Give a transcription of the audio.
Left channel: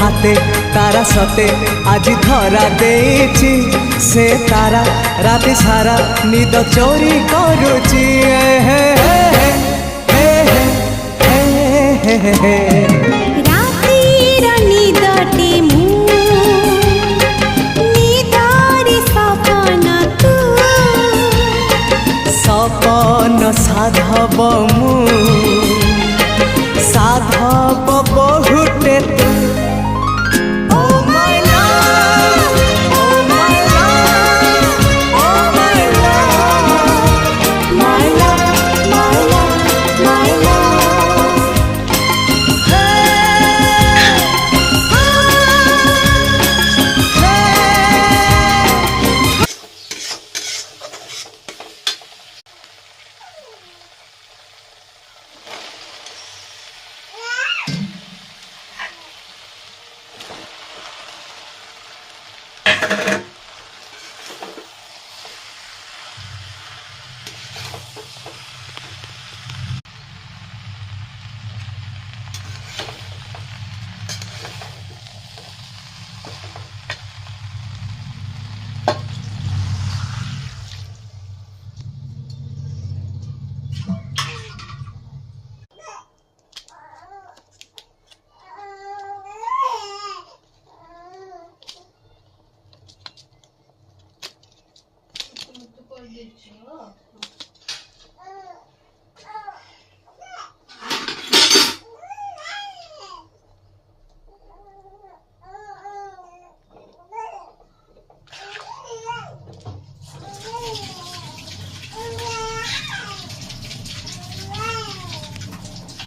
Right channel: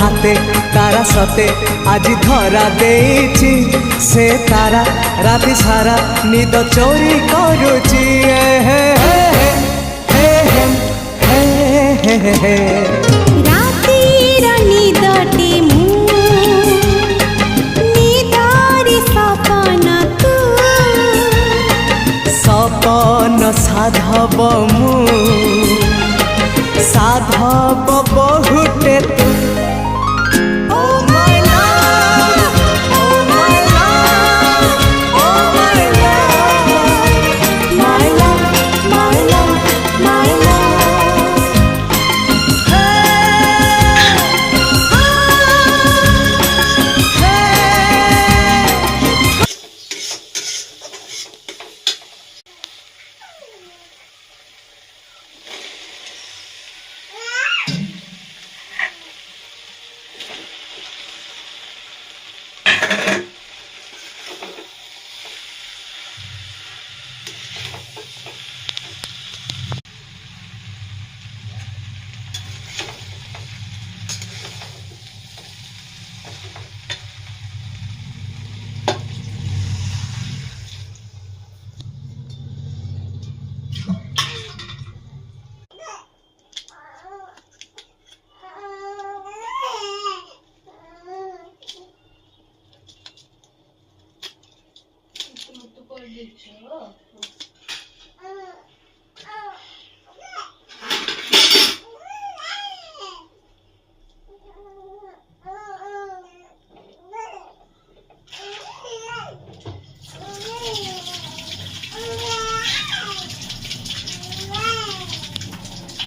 हाथे तारा सते आज धरा देछि से तारा राति सारा निद चोरी करुची हे हे हे हे हे हे हे रातिर निदटे मु निदारी सपन तू सपन साधव मु साधव बहुटे तू Oh my love, oh my love, oh my love, my love, my love, my love. Hey, hey.